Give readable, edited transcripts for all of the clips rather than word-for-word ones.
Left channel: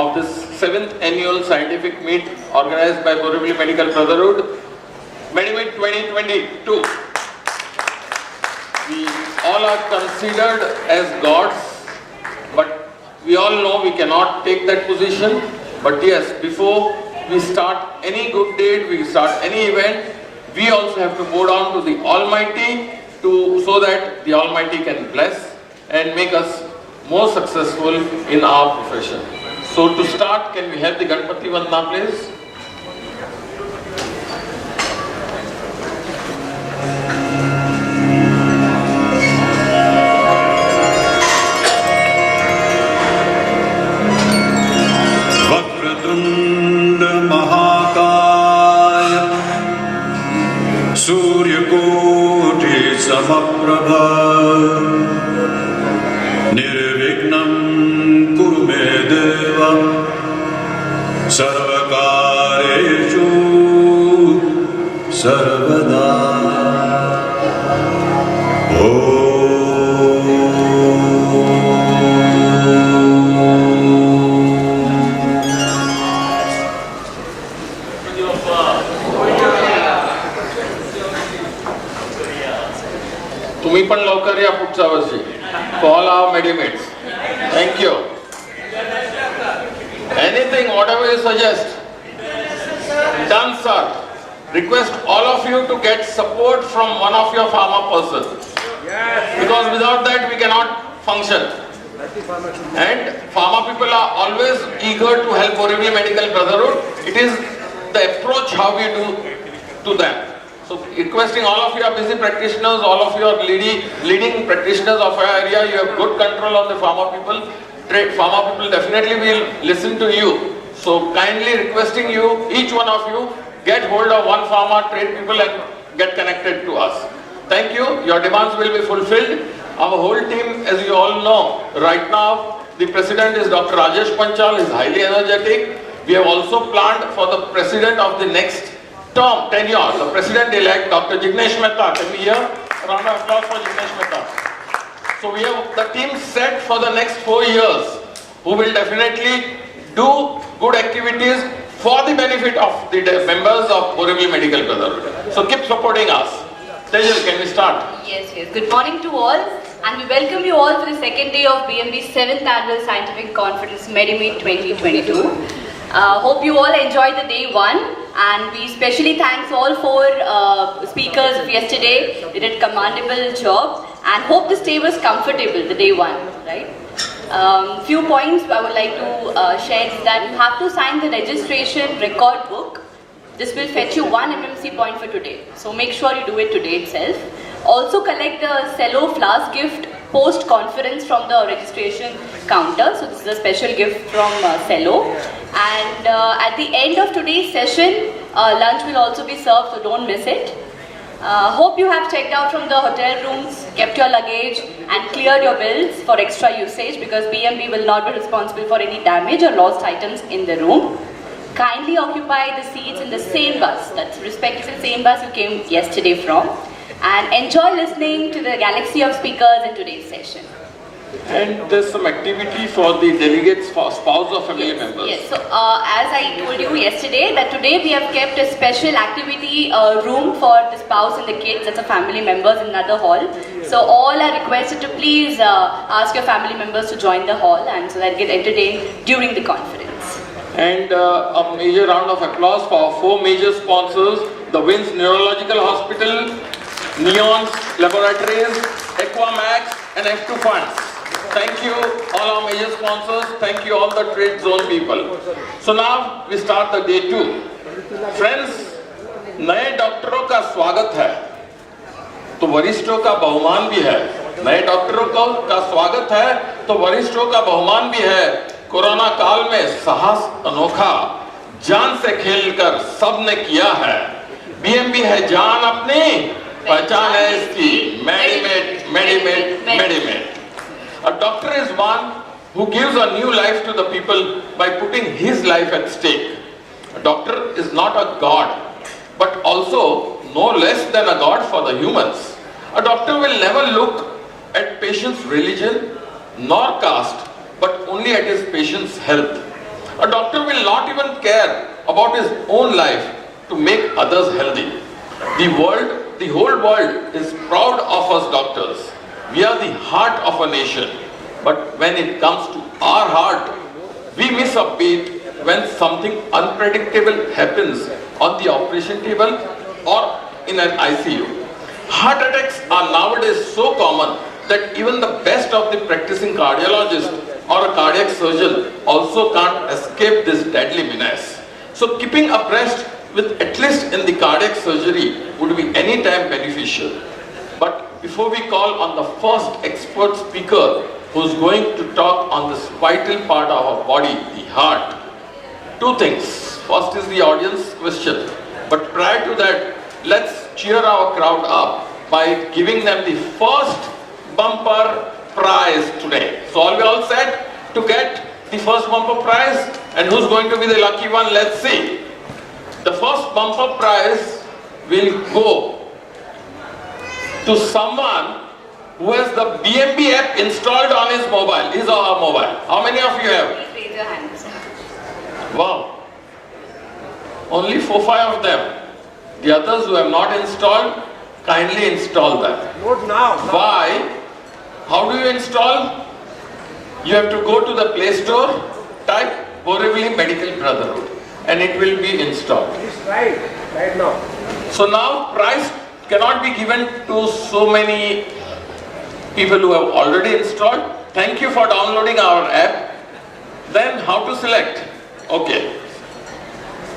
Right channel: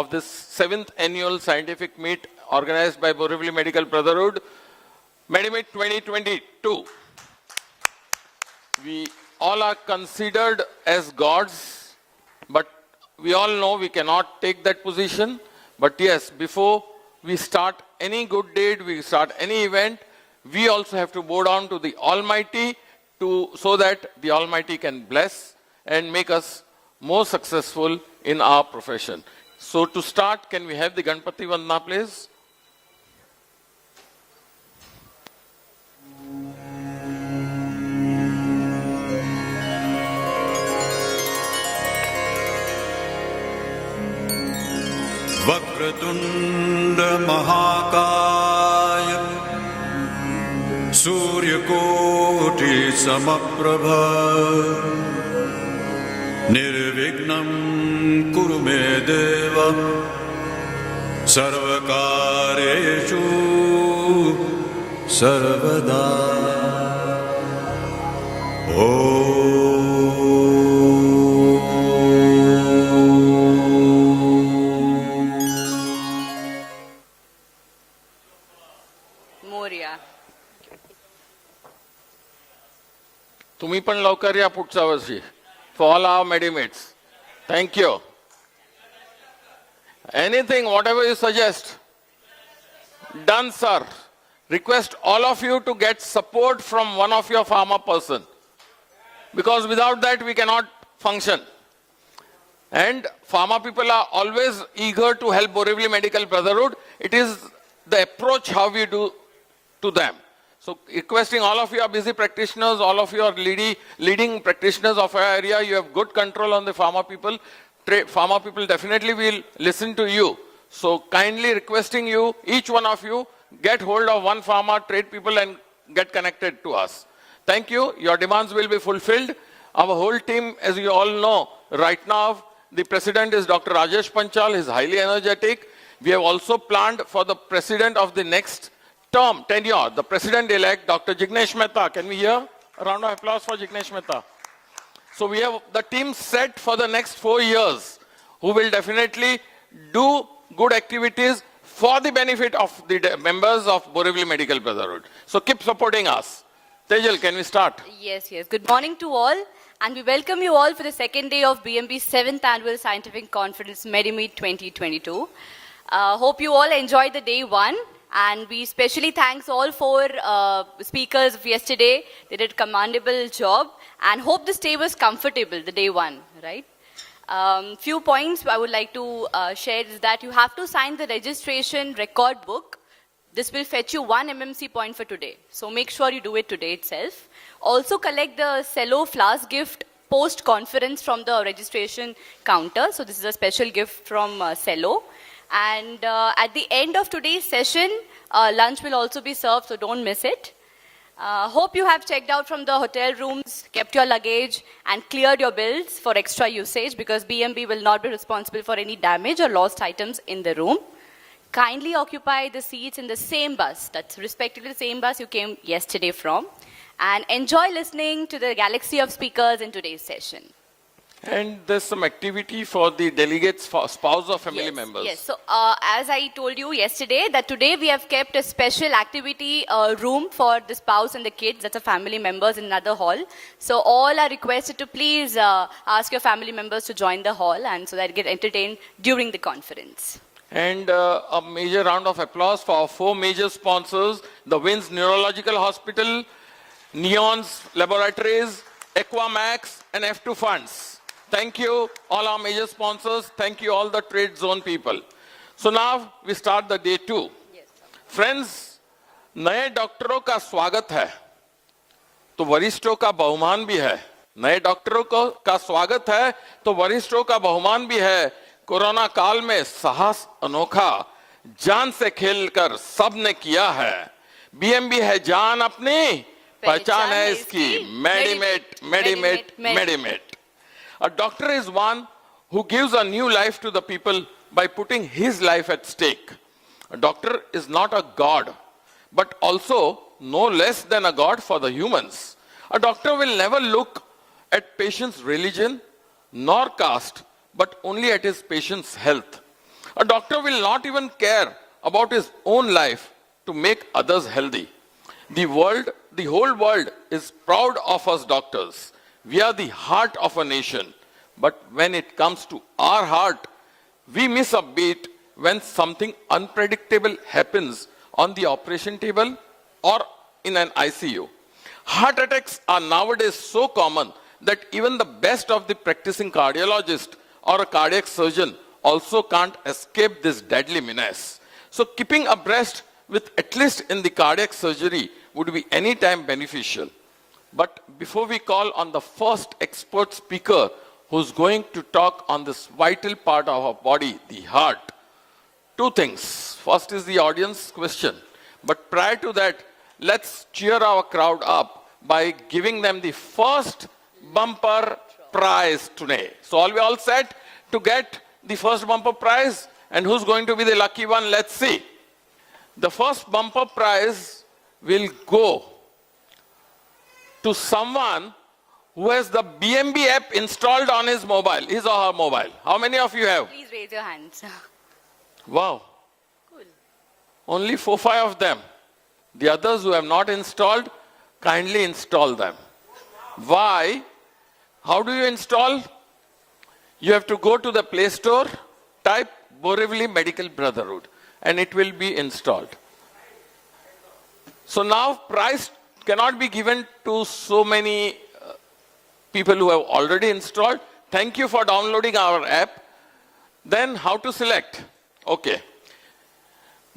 of this 7th annual scientific meet organized by Borivali Medical Brotherhood, MEDIMEET 2022. We all are considered as gods, but we all know we cannot take that position. But yes, before we start any good deed, we start any event, we also have to go down to the Almighty so that the Almighty can bless and make us more successful in our profession. So to start, can we have the Ganpati Vandana please? समप्रभा निर्विघ्नं कुरु मे देव सर्वकार्येषु सर्वदा तुम्ही पण लवकर या पुढच्या वर्षी all our MEDIMEETs. Thank you. Anything, whatever you suggest. Done, sir. Request all of you to get support from one of your pharma person. Because without that we cannot function. And pharma people are always eager to help Borivali Medical Brotherhood. It is the approach how we do to them. So requesting all of you are busy practitioners, all of you are leading practitioners of our area, you have good control of the pharma people. Pharma people definitely will listen to you. So kindly requesting you, each one of you, get hold of one pharma trade people and get connected to us. Thank you, your demands will be fulfilled. Our whole team, as you all know, right now, the president is Dr. Rajesh Panchal, is highly energetic. We have also planned for the president of the next term, tenure, the president-elect, Dr. Nimesh Mehta. Can we hear a round of applause for Nimesh Mehta? So we have the team set for the next 4 years, who will definitely do good activities for the benefit of the members of Borivali Medical Brotherhood. So keep supporting us. Tejal, can we start? Yes. Good morning to all, and we welcome you all for the second day of BMB's 7th Annual Scientific Conference, MEDIMEET 2022. Hope you all enjoyed the day one. And we especially thanks all four speakers of yesterday. They did a commendable job, and hope the stay was comfortable the day one, right? Few points I would like to share is that you have to sign the registration record book. This will fetch you 1 MMC point for today. So make sure you do it today itself. Also collect the cello flask gift post-conference from the registration counter. So this is a special gift from cello. And at the end of today's session, lunch will also be served, so don't miss it. Hope you have checked out from the hotel rooms, kept your luggage and cleared your bills for extra usage, because BMB will not be responsible for any damage or lost items in the room. Kindly occupy the seats in the same bus, that's respectively the same bus you came yesterday from, and enjoy listening to the galaxy of speakers in today's session. And there's some activity for the delegates, for spouse or family members. Yes, so as I told you yesterday, that today we have kept a special activity room for the spouse and the kids and the family members in another hall. So all are requested to please ask your family members to join the hall, and so that get entertained during the conference. And a major round of applause for our 4 major sponsors, the WINS Neurological Hospital, Neons Laboratories, Aquamax and F2 Funds. Thank you all our major sponsors, thank you all the trade zone people. So now we start the day 2. Friends, नए डॉक्टरों का स्वागत है, तो वरिष्ठों का बहुमान भी है. नए डॉक्टरों का स्वागत है, तो वरिष्ठों का बहुमान भी है. कोरोना काल में साहस अनोखा, जान से खेलकर सबने किया है. बीएमबी है जान अपनी, पहचान है इसकी. MEDIMEET, MEDIMEET, MEDIMEET. A doctor is one who gives a new life to the people by putting his life at stake. A doctor is not a god, but also no less than a god for the humans. A doctor will never look at patient's religion nor caste, but only at his patient's health. A doctor will not even care about his own life to make others healthy. The whole world is proud of us doctors. We are the heart of a nation. But when it comes to our heart, we miss a beat when something unpredictable happens on the operation table or in an ICU. Heart attacks are nowadays so common that even the best of the practicing cardiologist or a cardiac surgeon also can't escape this deadly menace. So keeping abreast with at least in the cardiac surgery would be any time beneficial. But before we call on the first expert speaker who's going to talk on this vital part of our body, the heart, two things. First is the audience question. But prior to that, let's cheer our crowd up by giving them the first bumper prize today. So are we all set to get the first bumper prize? And who's going to be the lucky one? Let's see. The first bumper prize will go to someone who has the BMB app installed on his mobile, his or her mobile. How many of you have? Please raise your hands. Wow. Only 4-5 of them. The others who have not installed, kindly install that. Not now. Why? How do you install? You have to go to the Play Store, type Borivali Medical Brotherhood, and it will be installed. Please right now. So now prize cannot be given to so many people who have already installed. Thank you for downloading our app. Then how to select? Okay.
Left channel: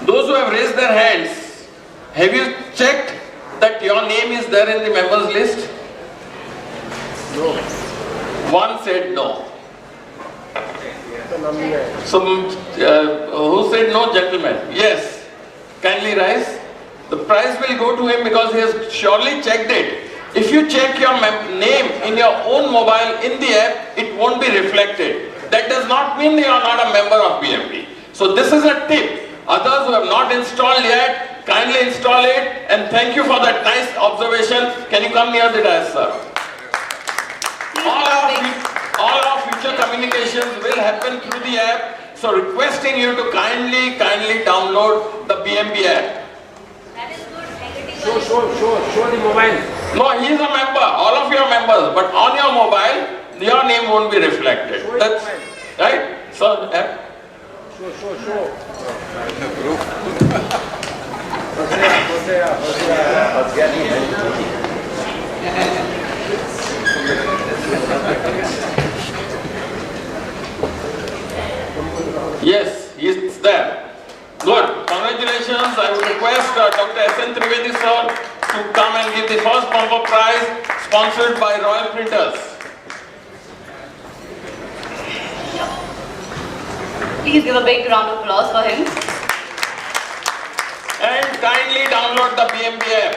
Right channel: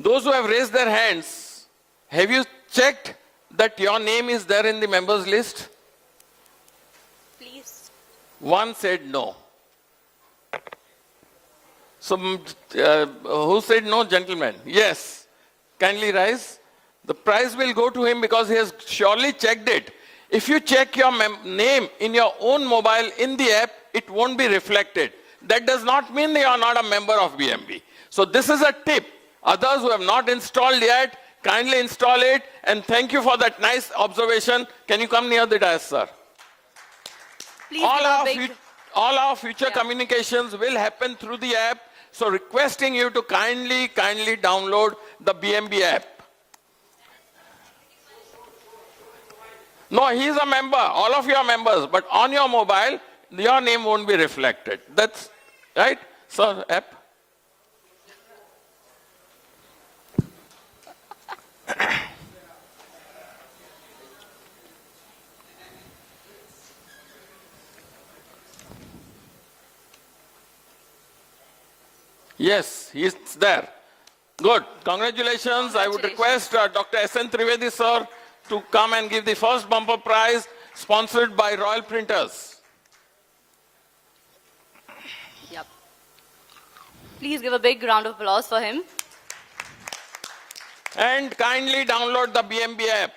Those who have raised their hands, have you checked that your name is there in the members list? No. One said no. So, who said no, gentlemen? Yes. Kindly rise. The prize will go to him because he has surely checked it. If you check your name in your own mobile in the app, it won't be reflected. That does not mean you are not a member of BMB. So this is a tip. Others who have not installed yet, kindly install it. And thank you for that nice observation. Can you come near the desk, sir? All our future communications will happen through the app. So requesting you to kindly download the BMB app. That is good. Show the mobile. No, he is a member. All of you are members. But on your mobile, your name won't be reflected. That's right. So app. Show. Yes, it's there. Good. Congratulations. I would request Dr. S.N. Trivedi sir to come and give the first bumper prize sponsored by Royal Printers. Please give a big round of applause for him. And kindly download the BMB app.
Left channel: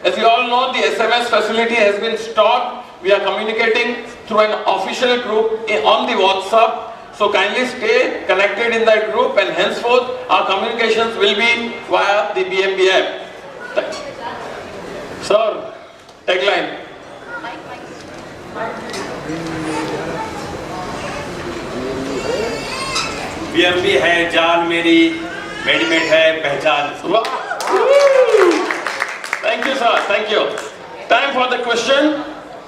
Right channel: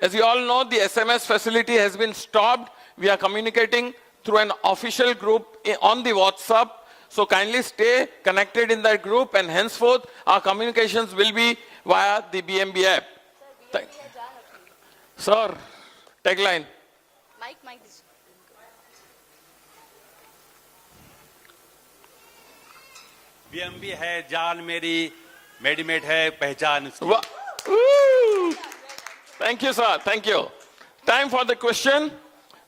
As you all know, the SMS facility has been stopped. We are communicating through an official group on the WhatsApp. So kindly stay connected in that group, and henceforth our communications will be via the BMB app. Sir, tagline. BMB है जान मेरी, मेडिमेट है पहचान। Thank you, sir. Thank you. Time for the question.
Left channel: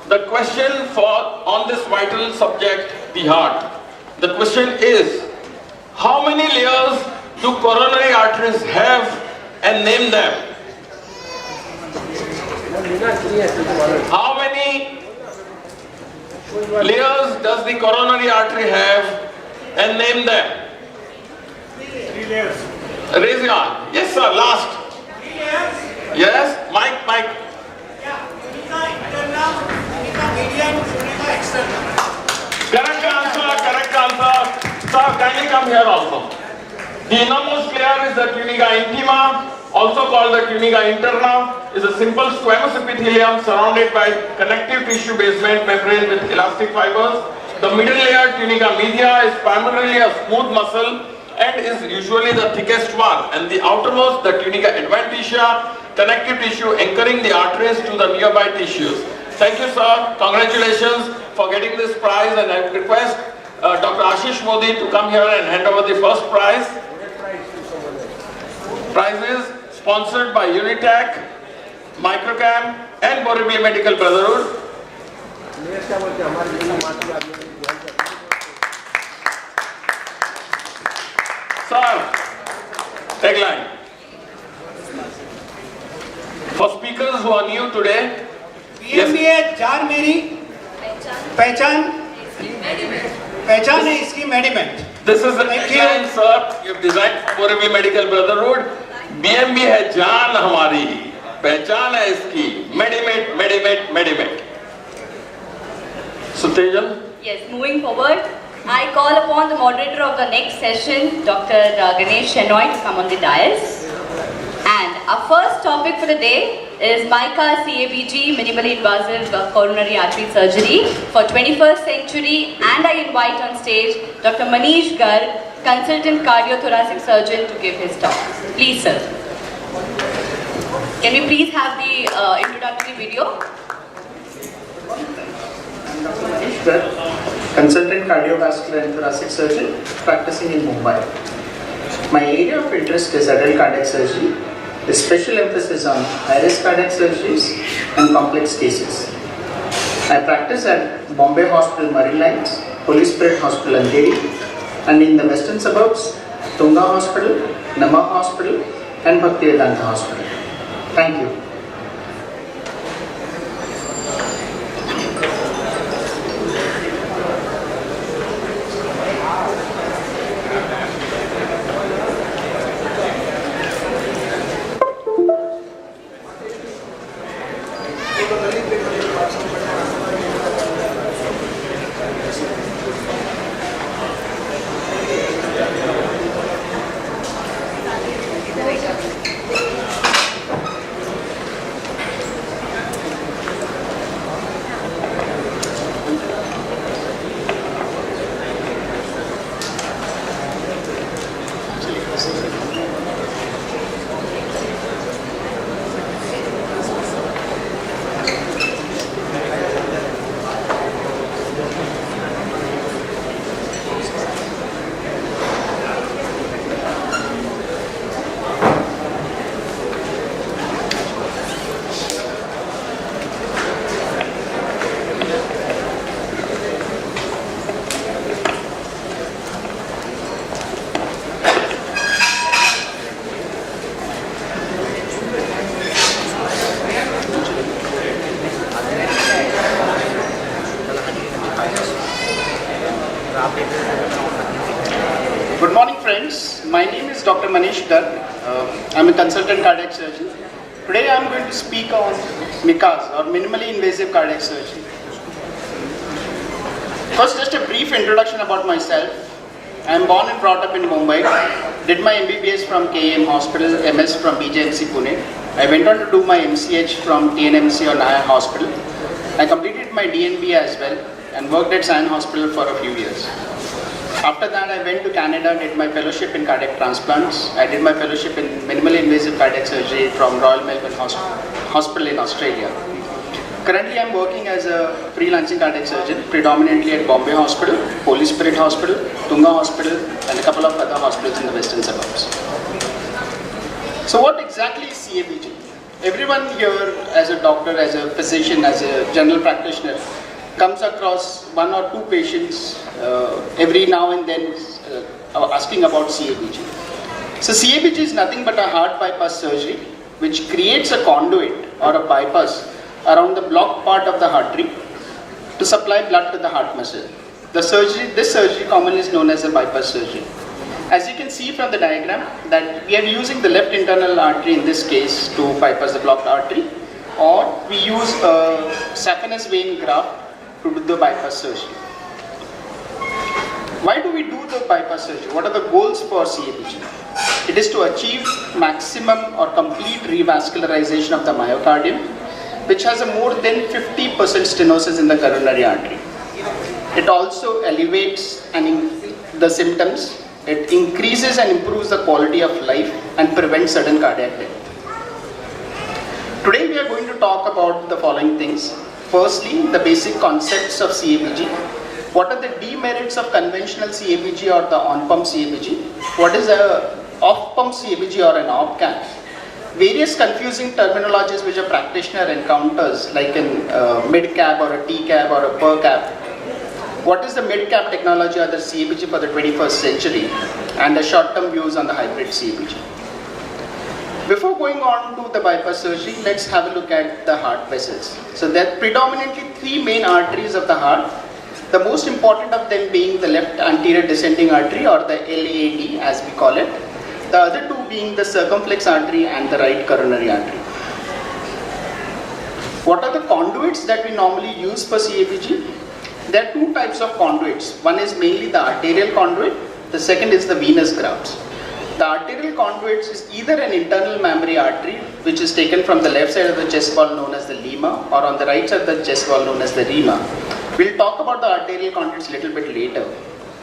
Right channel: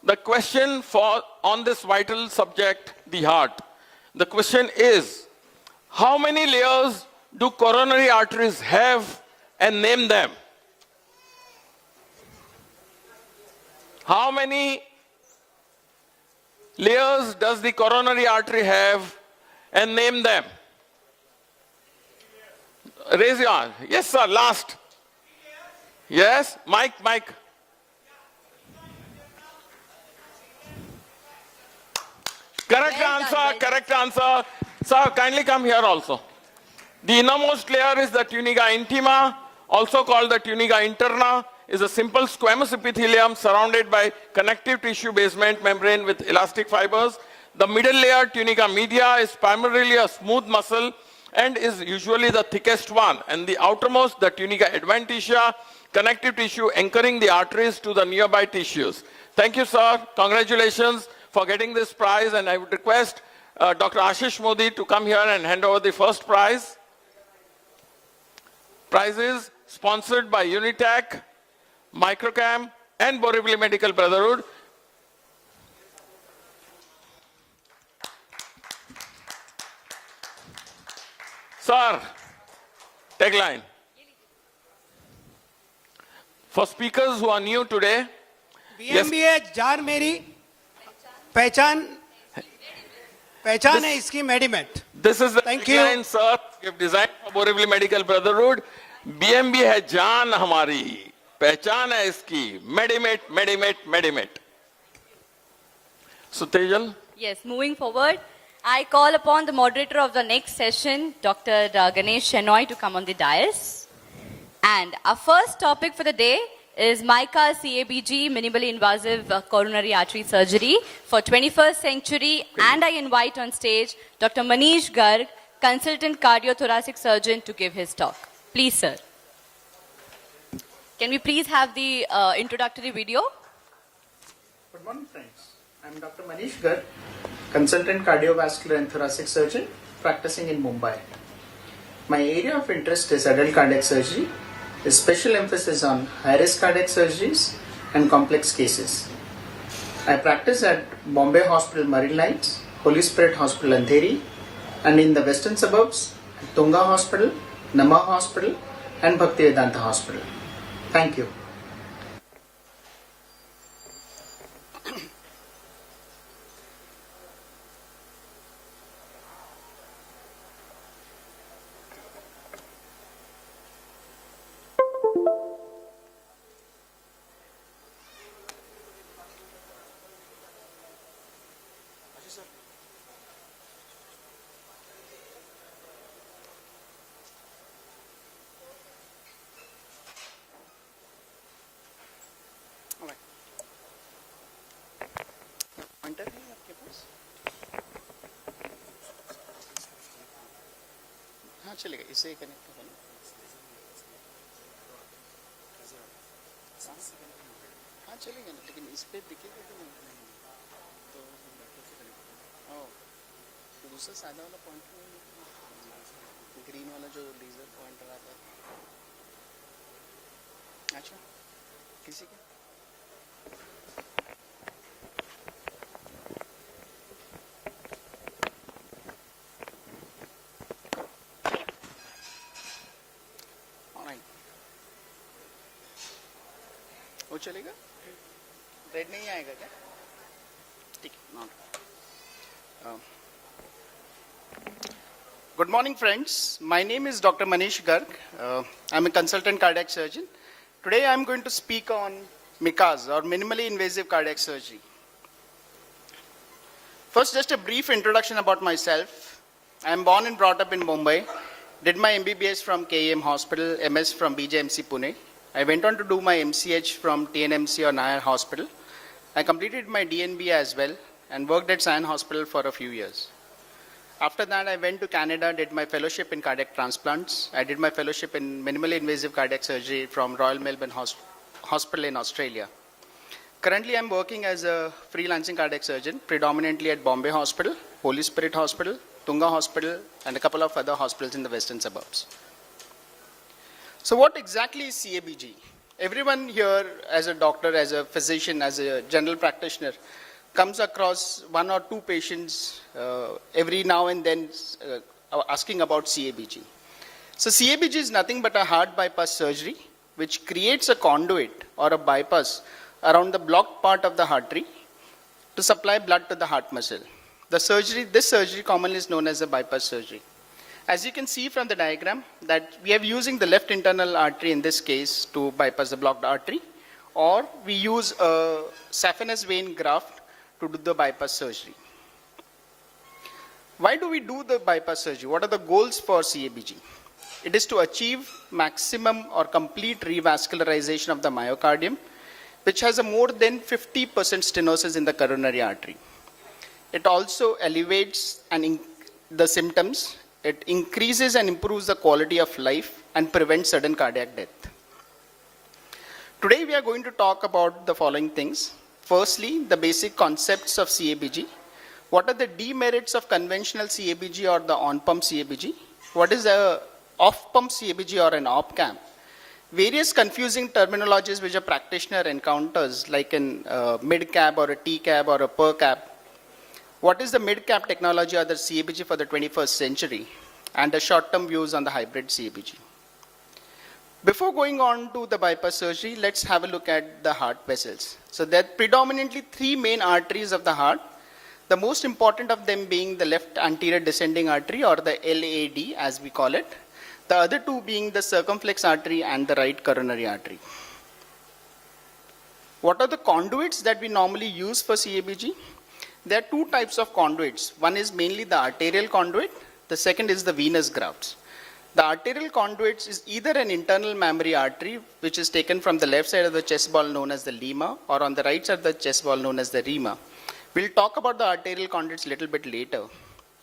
The question for on this vital subject, the heart. The question is, how many layers do coronary arteries have, and name them? How many layers does the coronary artery have, and name them? 3 layers. Raise your hand. Yes, sir. Last. 3 layers. Yes, Mike. Yeah. Tunica internal, tunica median, tunica external. Correct answer. Sir, kindly come here also. The innermost layer is the tunica intima, also called the tunica interna, is a simple squamous epithelium surrounded by connective tissue basement membrane with elastic fibers. The middle layer, tunica media, is primarily a smooth muscle and is usually the thickest one. And the outermost, the tunica adventitia, connective tissue anchoring the arteries to the nearby tissues. Thank you, sir. Congratulations for getting this prize, and I request Dr. Ashish Modi to come here and hand over the first prize. Prizes sponsored by Unitech, Microcam and BMB Medical Brotherhood. Sir, tagline. For speakers who are new today, BMB जान मेरी पहचान पहचान है इसकी मेडिमेट. this is the tagline, sir. You designed for BMB Medical Brotherhood. BMB है जान हमारी, पहचान है इसकी. MEDIMEET, MEDIMEET, MEDIMEET. So Tejal. Yes, moving forward, I call upon the moderator of the next session, Dr. Ganesh Shenoy, to come on the dais. And our first topic for the day is MICAS-CABG minimally invasive coronary artery surgery for 21st century, and I invite on stage Dr. Manish Garg, consultant cardiothoracic surgeon, to give his talk. Please, sir. Can we please have the introductory video? Consultant cardiovascular and thoracic surgeon practicing in Mumbai. My area of interest is adult cardiac surgery, with special emphasis on high-risk cardiac surgeries and complex cases. I practice at Bombay Hospital Marine Lines, Holy Spirit Hospital and Delhi, and in the western suburbs, Tunga Hospital, Nama Hospital and Bhaktivedanta Hospital. Thank you. Good morning, friends. My name is Dr. Manish Garg. I'm a consultant cardiac surgeon. Today I'm going to speak on MICAS, or minimally invasive cardiac surgery. First, just a brief introduction about myself. I'm born and brought up in Mumbai. Did my MBBS from KEM Hospital, MS from BJMC Pune. I went on to do my MCH from KNMC or Naya Hospital. I completed my DNB as well and worked at Sion Hospital for a few years. After that, I went to Canada, did my fellowship in cardiac transplants. I did my fellowship in minimally invasive cardiac surgery from Royal Melbourne Hospital in Australia. Currently, I'm working as a freelancing cardiac surgeon, predominantly at Bombay Hospital, Holy Spirit Hospital, Tunga Hospital, and a couple of other hospitals in the western suburbs. So what exactly is CABG? Everyone here, as a doctor, as a physician, as a general practitioner, comes across one or two patients every now and then asking about CABG. So CABG is nothing but a heart bypass surgery which creates a conduit or a bypass around the blocked part of the artery to supply blood to the heart muscle. This surgery commonly is known as a bypass surgery. As you can see from the diagram, that we are using the left internal artery in this case to bypass the blocked artery, or we use a saphenous vein graft to do the bypass surgery. Why do we do the bypass surgery? What are the goals for CABG? It is to achieve maximum or complete revascularization of the myocardium, which has a more than 50% stenosis in the coronary artery. It also alleviates the symptoms. It increases and improves the quality of life and prevents sudden cardiac death. Today we are going to talk about the following things. Firstly, the basic concepts of CABG. What are the demerits of conventional CABG or the on-pump CABG? What is a off-pump CABG or an op-cap? Various confusing terminologies which a practitioner encounters, like in mid-cap or a T-cap or a per-cap. What is the mid-cap technology or the CABG for the 21st century? And the short-term views on the hybrid CABG. Before going on to the bypass surgery, let's have a look at the heart vessels. So there are predominantly three main arteries of the heart. The most important of them being the left anterior descending artery, or the LAD as we call it. The other two being the circumflex artery and the right coronary artery. What are the conduits that we normally use for CABG? There are two types of conduits. One is mainly the arterial conduit. The second is the venous grafts. The arterial conduits is either an internal mammary artery, which is taken from the left side of the chest wall known as the lima, or on the right side of the chest wall known as the rima. We'll talk about the arterial conduits a little bit later.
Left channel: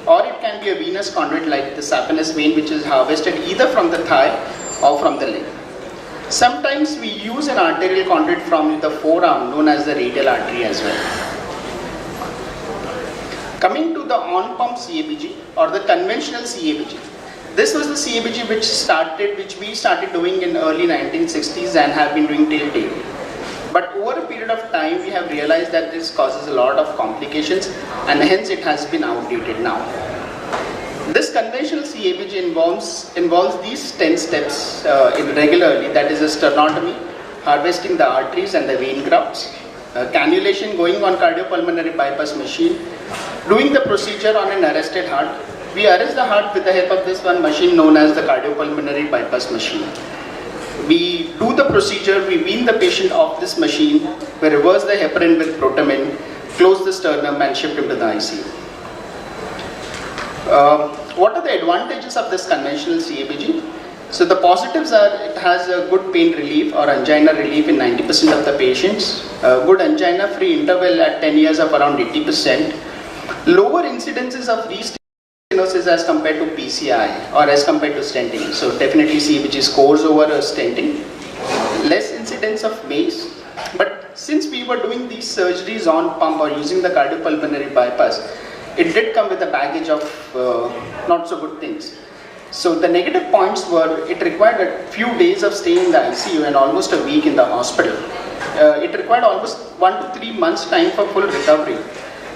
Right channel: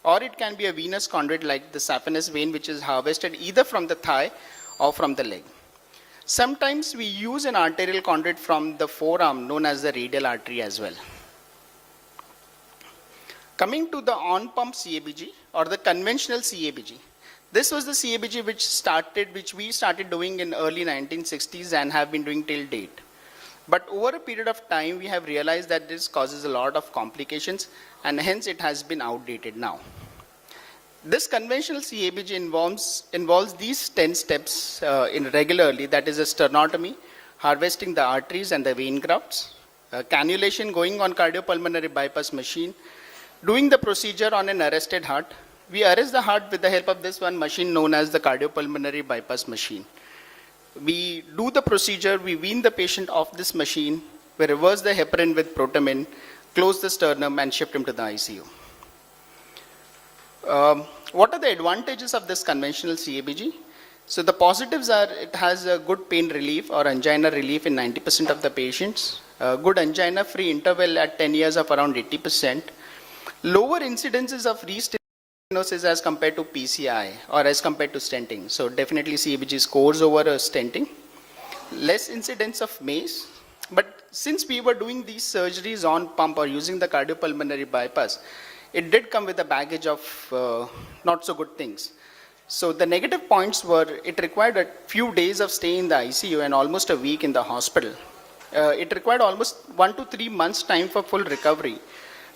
Or it can be a venous conduit like the saphenous vein, which is harvested either from the thigh or from the leg. Sometimes we use an arterial conduit from the forearm known as the radial artery as well. Coming to the on-pump CABG or the conventional CABG. This was the CABG which we started doing in early 1960s and have been doing till date. But over a period of time, we have realized that this causes a lot of complications, and hence it has been outdated now. This conventional CABG involves these 10 steps regularly, that is a sternotomy, harvesting the arteries and the vein grafts, cannulation going on cardiopulmonary bypass machine, doing the procedure on an arrested heart. We arrest the heart with the help of this one machine known as the cardiopulmonary bypass machine. We do the procedure, we wean the patient off this machine, we reverse the heparin with protamine, close the sternum and shift him to the ICU. What are the advantages of this conventional CABG? So the positives are it has a good pain relief or angina relief in 90% of the patients, a good angina-free interval at 10 years of around 80%, lower incidences of restenosis as compared to PCI or as compared to stenting. So definitely CABG scores over a stenting. Less incidence of MACE. But since we were doing these surgeries on pump or using the cardiopulmonary bypass, it did come with a baggage of not so good things. So the negative points were it required a few days of stay in the ICU and almost a week in the hospital. It required almost 1 to 3 months time for full recovery,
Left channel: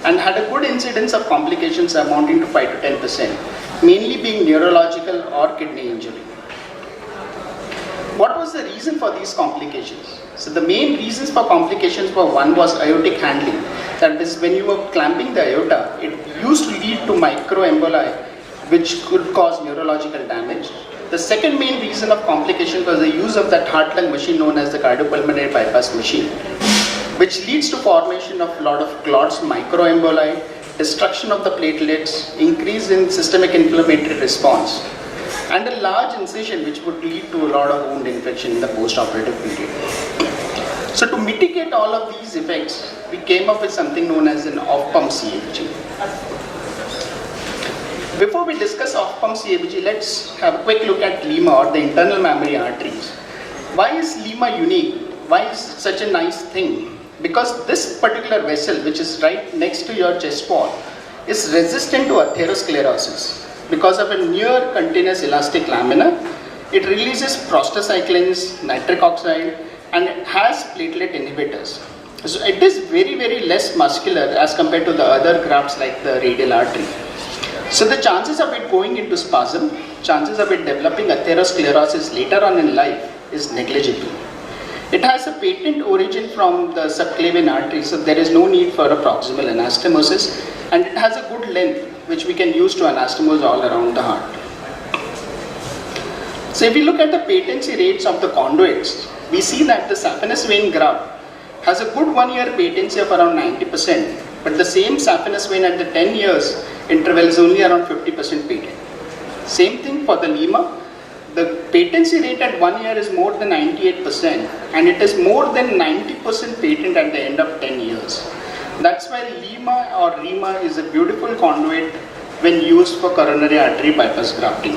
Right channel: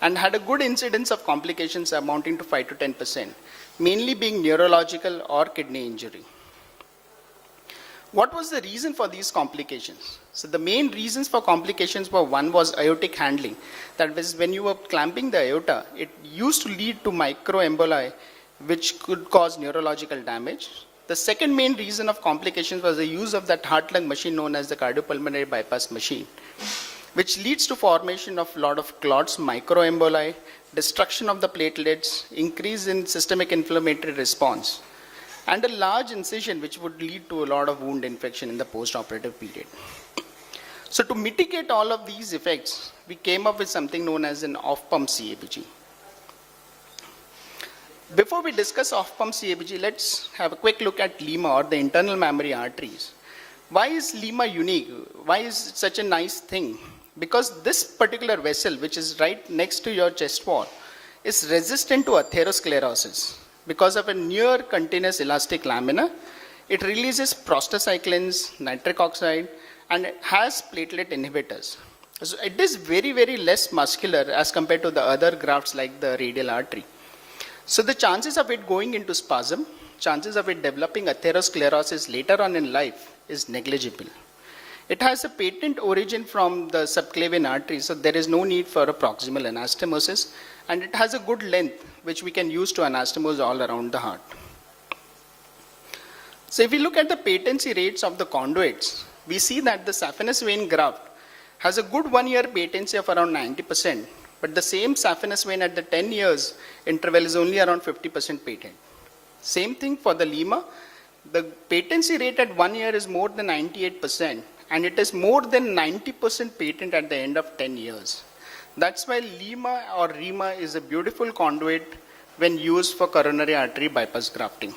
and had a good incidence of complications amounting to 5 to 10%, mainly being neurological or kidney injury. What was the reason for these complications? So the main reasons for complications were, one was aortic handling. That is, when you were clamping the aorta, it used to lead to microemboli, which could cause neurological damage. The second main reason of complications was the use of that heart-lung machine known as the cardiopulmonary bypass machine, which leads to formation of a lot of clots, microemboli, destruction of the platelets, increase in systemic inflammatory response, and a large incision which would lead to a lot of wound infection in the post-operative period. So to mitigate all of these effects, we came up with something known as an off-pump CABG. Before we discuss off-pump CABG, let's have a quick look at lima or the internal mammary arteries. Why is lima unique? Why is it such a nice thing? Because this particular vessel, which is right next to your chest wall, is resistant to atherosclerosis. Because of a near continuous elastic lamina, it releases prostacyclins, nitric oxide, and it has platelet inhibitors. So it is very, very less muscular as compared to the other grafts like the radial artery. So the chances of it going into spasm, chances of it developing atherosclerosis later on in life is negligible. It has a patent origin from the subclavian artery, so there is no need for a proximal anastomosis, and it has a good length which we can use to anastomose all around the heart. So if you look at the patency rates of the conduits, we see that the saphenous vein graft has a good 1-year patency of around 90%, but the same saphenous vein at the 10 years interval is only around 50% patent. Same thing for the lima. The patency rate at 1 year is more than 98%, and it is more than 90% patent at the end of 10 years. That's why lima or rima is a beautiful conduit when used for coronary artery bypass grafting.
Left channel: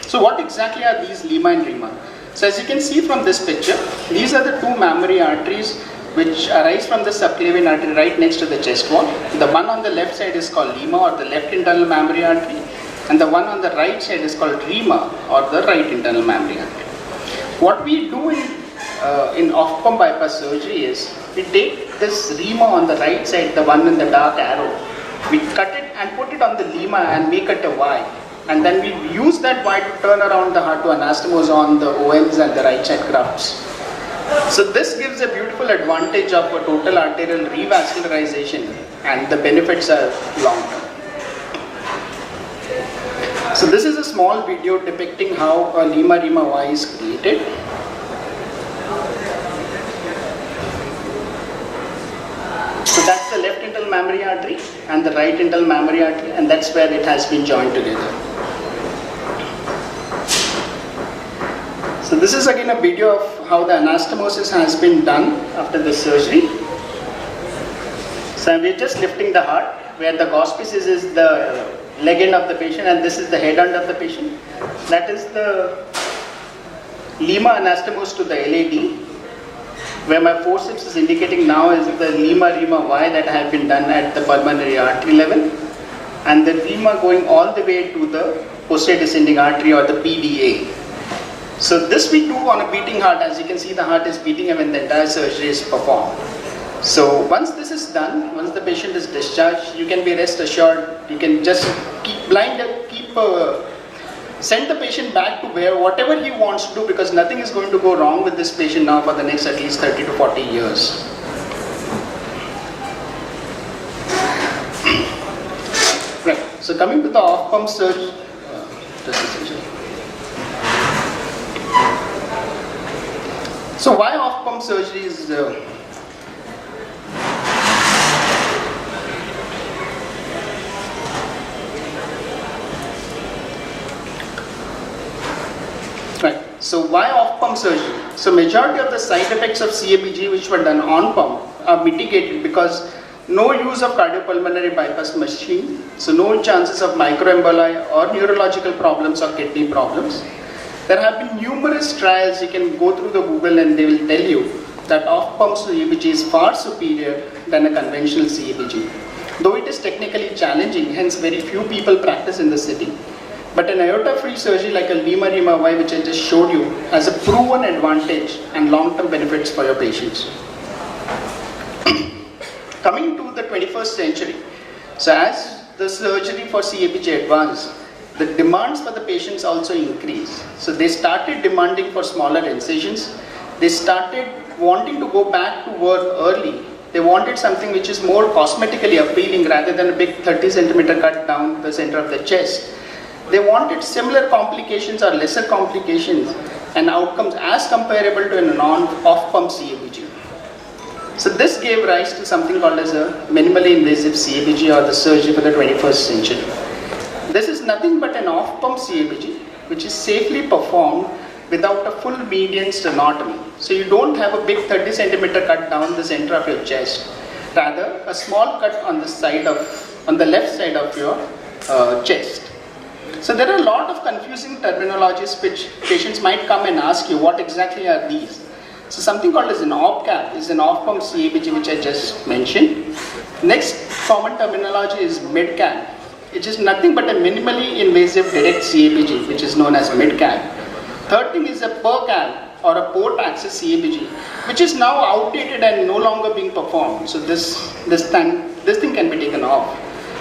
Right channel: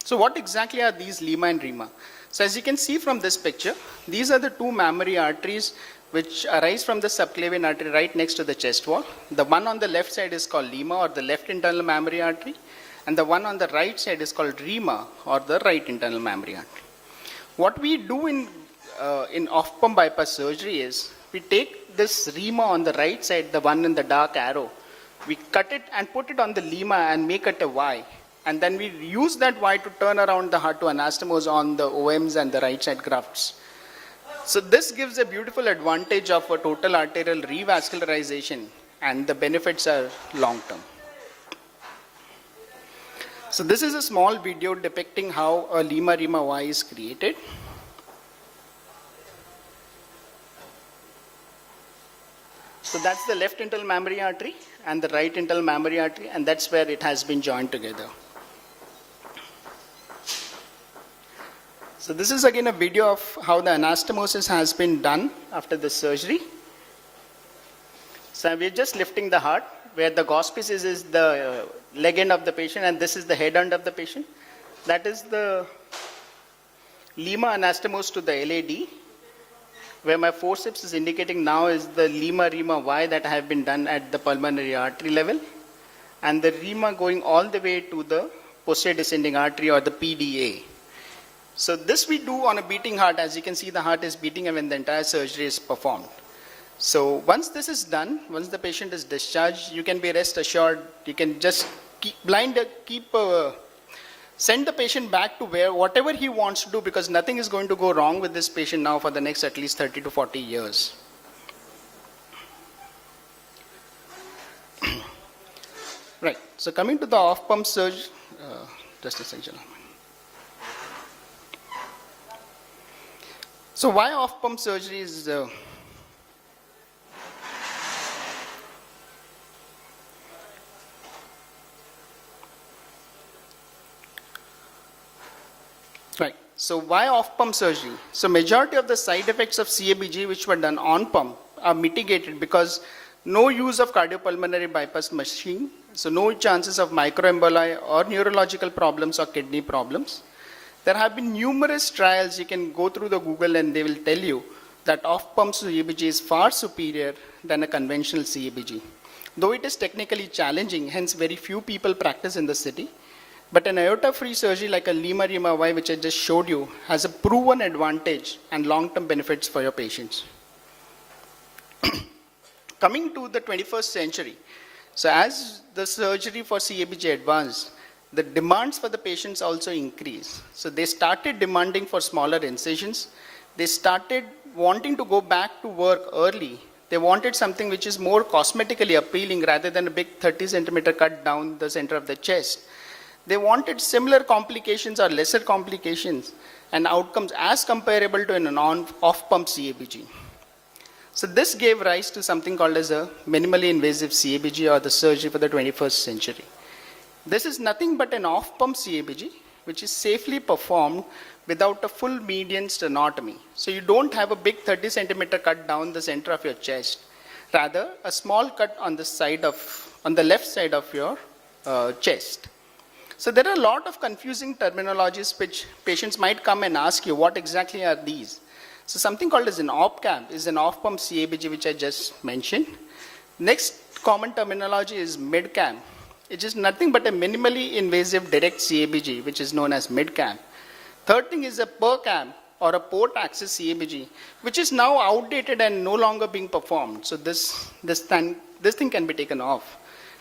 So what exactly are these lima and rima? So as you can see from this picture, these are the two mammary arteries which arise from the subclavian artery right next to the chest wall. The one on the left side is called lima, or the left internal mammary artery, and the one on the right side is called rima, or the right internal mammary artery. What we do in off-pump bypass surgery is, we take this rima on the right side, the one in the dark arrow, we cut it and put it on the lima and make it a Y. And then we use that Y to turn around the heart to anastomose on the OMs and the right side grafts. So this gives a beautiful advantage of a total arterial revascularization, and the benefits are long term. So this is a small video depicting how a lima-rima Y is created. So that's the left internal mammary artery and the right internal mammary artery, and that's where it has been joined together. So this is again a video of how the anastomosis has been done after the surgery. So we're just lifting the heart, where the auspices is the leg end of the patient, and this is the head end of the patient. That is the lima anastomose to the LAD. Where my forceps is indicating now is the lima-rima Y that have been done at the pulmonary artery level, and the lima going all the way to the posterior descending artery, or the PDA. So this we do on a beating heart. As you can see, the heart is beating when the entire surgery is performed. So once this is done, once the patient is discharged, you can be rest assured, you can just send the patient back to where whatever he wants to do, because nothing is going to go wrong with this patient now for the next at least 30 to 40 years. Right. So coming to the off-pump surgery, just a second. So why off-pump surgery is right. So why off-pump surgery? So majority of the side effects of CABG which were done on pump are mitigated because no use of cardiopulmonary bypass machine, so no chances of microemboli or neurological problems or kidney problems. There have been numerous trials. You can go through the Google and they will tell you that off-pump CABG is far superior than a conventional CABG. Though it is technically challenging, hence very few people practice in the city. But an aorta-free surgery like a lima-rima Y, which I just showed you, has a proven advantage and long-term benefits for your patients. Coming to the 21st century, so as the surgery for CABG advanced, the demands for the patients also increased. So they started demanding for smaller incisions. They started wanting to go back to work early. They wanted something which is more cosmetically appealing rather than a big 30 centimeter cut down the center of the chest. They wanted similar complications or lesser complications and outcomes as comparable to a non-off-pump CABG. So this gave rise to something called as a minimally invasive CABG, or the surgery for the 21st century. This is nothing but an off-pump CABG which is safely performed without a full median sternotomy. So you don't have a big 30 centimeter cut down the center of your chest. Rather, a small cut on the left side of your chest. So there are a lot of confusing terminologies which patients might come and ask you, what exactly are these? So something called as an OPCAP is an off-pump CABG which I just mentioned. Next common terminology is MIDCAP, which is nothing but a minimally invasive direct CABG, which is known as MIDCAP. Third thing is a PERCAP, or a port access CABG, which is now outdated and no longer being performed. So this thing can be taken off.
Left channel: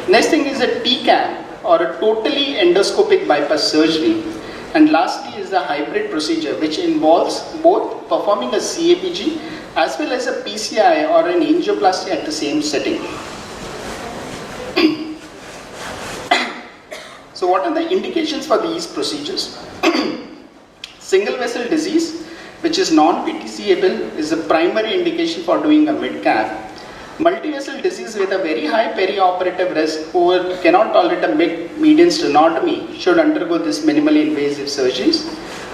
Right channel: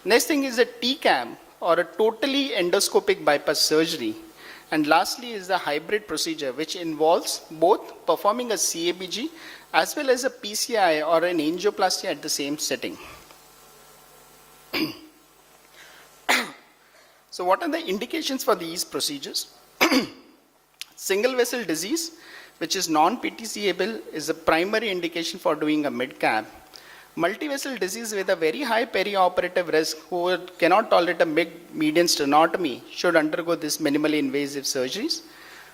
Next thing is a TCAP, or a totally endoscopic bypass surgery. And lastly is a hybrid procedure, which involves both performing a CABG as well as a PCI or an angioplasty at the same setting. So what are the indications for these procedures? Single vessel disease, which is non-PTCable, is a primary indication for doing a mid-cap. Multivessel disease with a very high perioperative risk, who cannot tolerate a median sternotomy, should undergo this minimally invasive surgeries.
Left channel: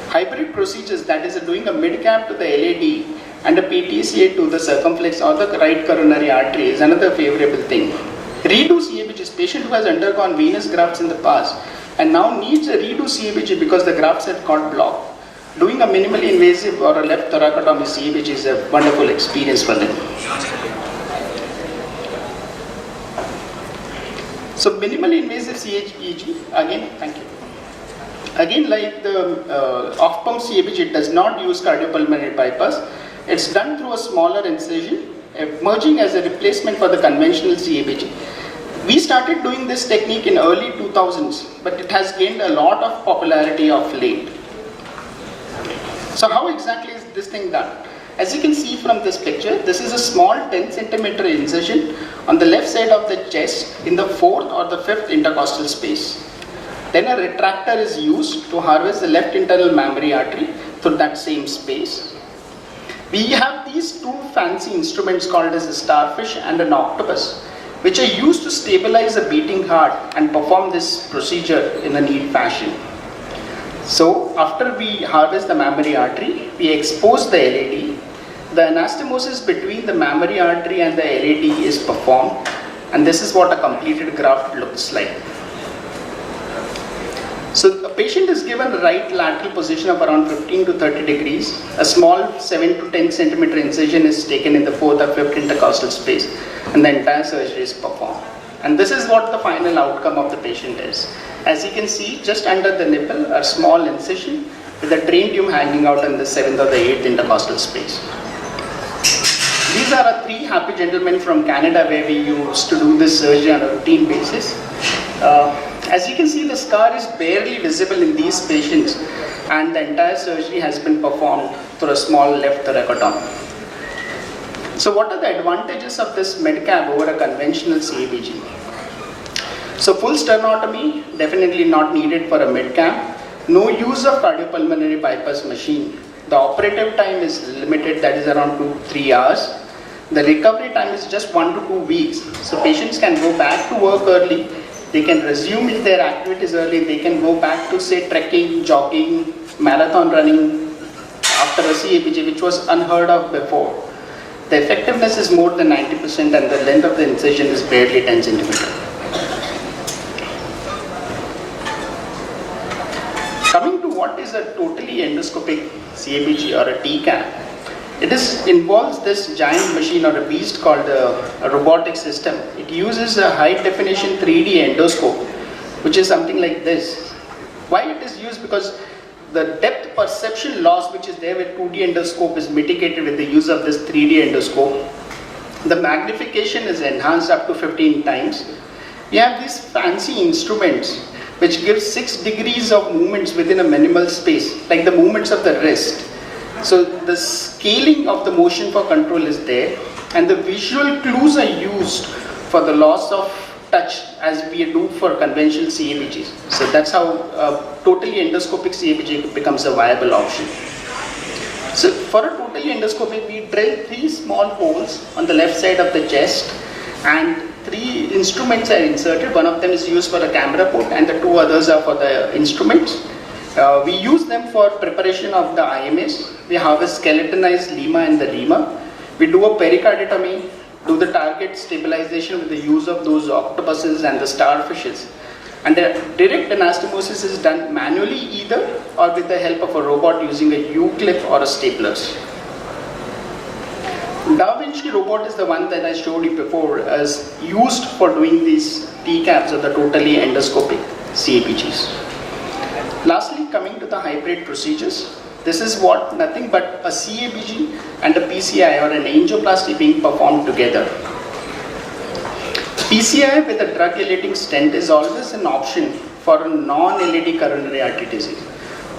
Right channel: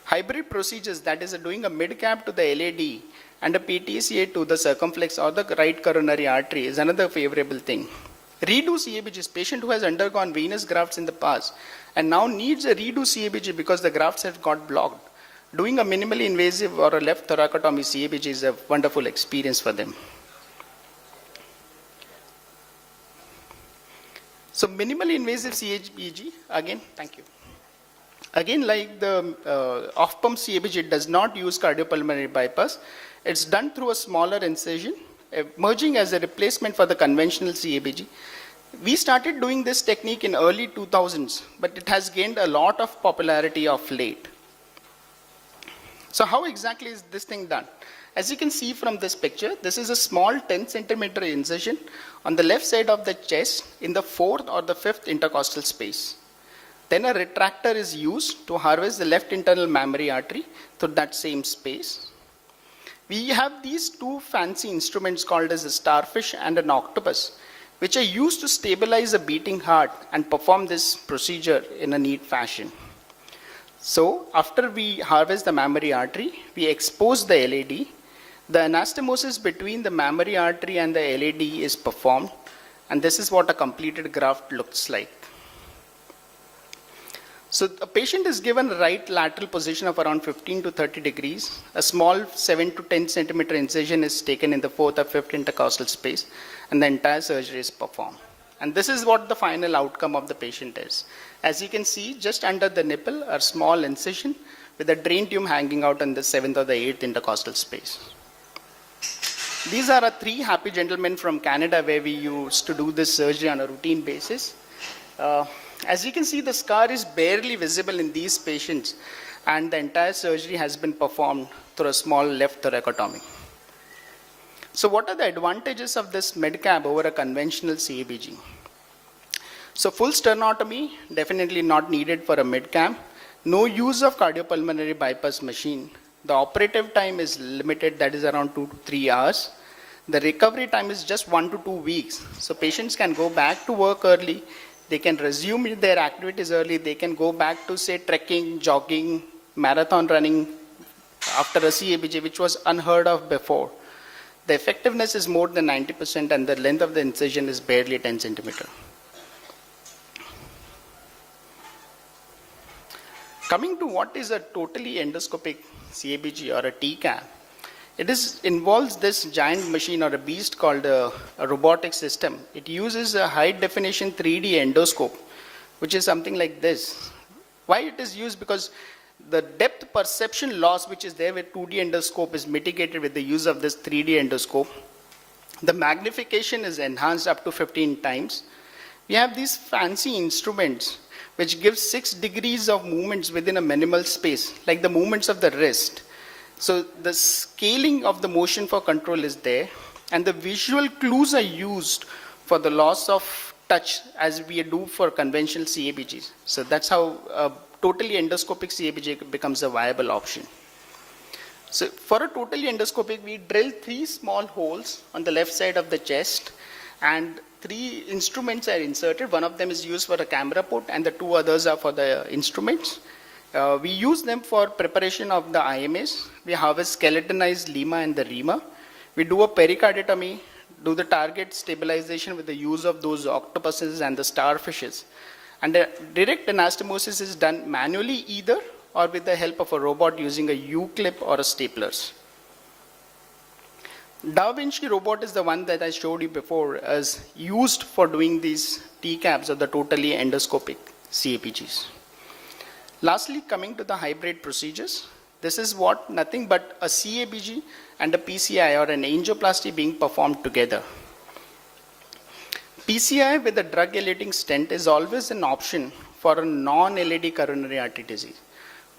Hybrid procedures, that is doing a mid-cap to the LAD and a PTCA to the circumflex or the right coronary artery, is another favorable thing. Redo CABG is a patient who has undergone venous grafts in the past and now needs a redo CABG because the grafts have got blocked. doing a minimally invasive or a left thoracotomy CABG is a wonderful experience for them. So minimally invasive CABG, again, thank you. Again, like the off-pump CABG, it does not use cardiopulmonary bypass. It's done through a smaller incision, emerging as a replacement for the conventional CABG. We started doing this technique in early 2000s, but it has gained a lot of popularity of late. So how exactly is this thing done? As you can see from this picture, this is a small 10 centimeter incision on the left side of the chest in the 4th or the 5th intercostal space. Then a retractor is used to harvest the left internal mammary artery through that same space. We have these two fancy instruments called as a starfish and an octopus, which are used to stabilize a beating heart and perform this procedure in a neat fashion. So after we harvest the mammary artery, we expose the LAD. The anastomosis between the mammary artery and the LAD is performed, and this is what a completed graft looks like. So the patient is given a right lateral position of around 15 to 30 degrees. A small 7 to 10 centimeter incision is taken in the 4th or 5th intercostal space, and the entire surgery is performed. And this is what the final outcome of the patient is. As you can see, just under the nipple, a small incision with a drain tube hanging out in the 7th or the 8th intercostal space. These are our 3 happy gentlemen from Canada where we used to do this surgery on a routine basis. As you can see, the scar is barely visible in these patients, and the entire surgery has been performed through a small left thoracotomy. So what are the advantages of this MEHTA over a conventional CABG? So full sternotomy, definitely not needed for a MEHTA. No use of cardiopulmonary bypass machine. The operative time is limited, that is around 2 to 3 hours. The recovery time is just 1 to 2 weeks. So patients can go back to work early. They can resume their activities early. They can go back to, say, trekking, jogging, marathon running after a CABG, which was unheard of before. The effectiveness is more than 90%, and the length of the incision is barely 10 centimeters. Coming to what is a totally endoscopic CABG or a TCAB, it involves this giant machine or a beast called a robotic system. It uses a high definition 3D endoscope, which is something like this. Why it is used? Because the depth perception loss which is there with 2D endoscope is mitigated with the use of this 3D endoscope. The magnification is enhanced up to 15 times. You have these fancy instruments which give 6 degrees of movements within a minimal space, like the movements of the wrist. So the scaling of the motion for control is there, and the visual clues are used for the loss of touch as we do for conventional CABGs. So that's how totally endoscopic CABG becomes a viable option. So for a totally endoscopic, we drill 3 small holes on the left side of the chest, and 3 instruments are inserted. One of them is used for a camera port, and the 2 others are for the instruments. We use them for preparation of the IMS. We harvest skeletonized lima and the lemur. We do a pericardiotomy, do the target stabilization with the use of those octopuses and the starfishes. And the direct anastomosis is done manually either or with the help of a robot using a U-clip or a staplers. Da Vinci robot is the one that I showed you before as used for doing these TCABs or the totally endoscopic CABGs. Lastly, coming to the hybrid procedures, this is what nothing but a CABG and a PCI or an angioplasty being performed together. PCI with a drug-eluting stent is always an option for a non-LAD coronary artery disease.